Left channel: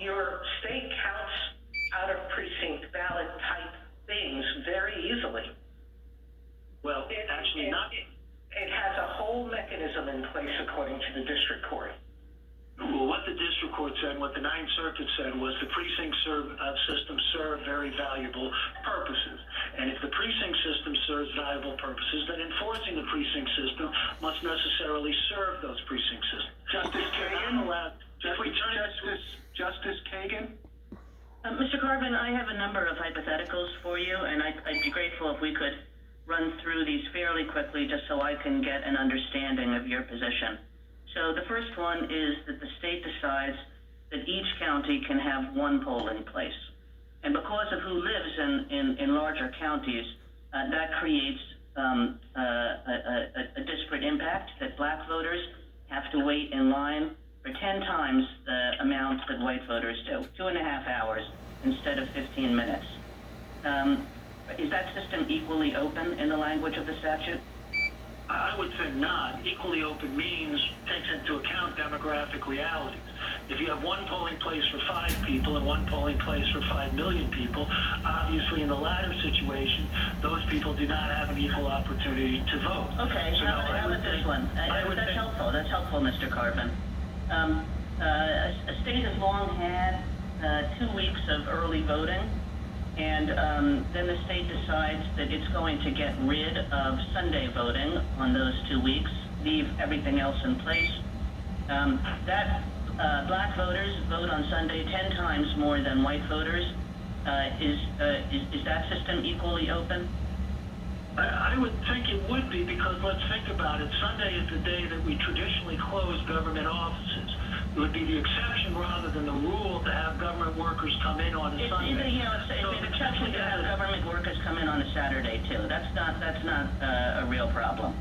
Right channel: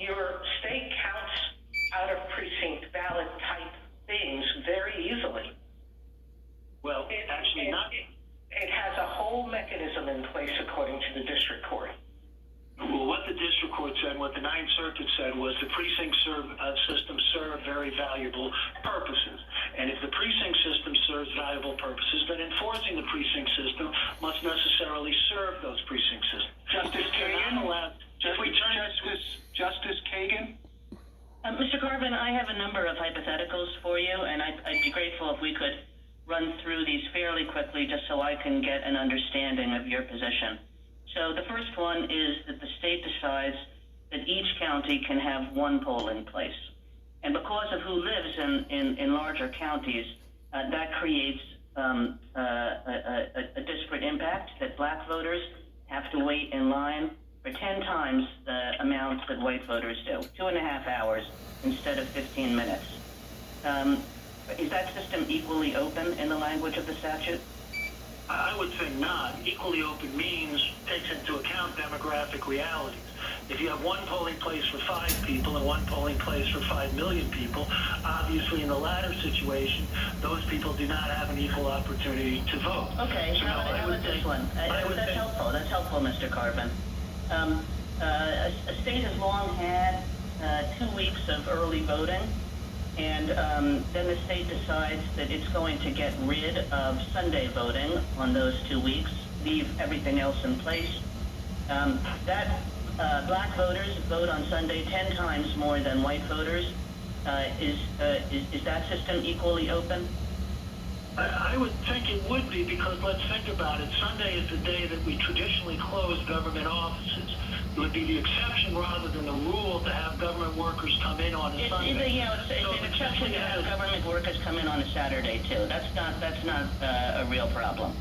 your state counts out of precinct ballot type things very easily. Well, actually not. It has a whole mechanism in place according to the district court. Well, what the district court said, what the Ninth Circuit said, was the precinct system served very valuable purposes. And if the precinct system serves valuable purposes, then enforcing the precinct system must necessarily serve those precinct systems. Justice Kagan? Justice Kagan? Mr. Carvin, I have a number of hypotheticals for you, and I'd be grateful if we could run through these fairly quickly just so I can get an understanding of your position. So the first one is that the state decides that each county can have one polling place. And because of who lives in larger counties, that creates a disparate impact that black voters have to wait in line for 10 times the amount that white voters do, 2.5 hours instead of 15 minutes. Is that system equally open in the language of the statute? I would say not. Equally open means takes into account demographic realities. If you have one polling place for 5 people and one polling place for 5 million people, obviously in the latter situation, those people do not have an equal opportunity to vote. Okay, So how about this one? That's helpful. That's helpful, Mr. Carvin. A state has long had 2 weeks of early voting, and then the state decides that it's going to get rid of Sunday voting on those 2 weeks, leave everything else in place. Black voters vote on Sunday 10 times more than white voters. Is that system equally open? I would think it would be, because let's think about it. Sunday is the day that we traditionally close government offices. It would be the exception rather than the rule to have government workers come in on a Sunday. It's an exception to have government workers come in on a Saturday too. That's not a real problem.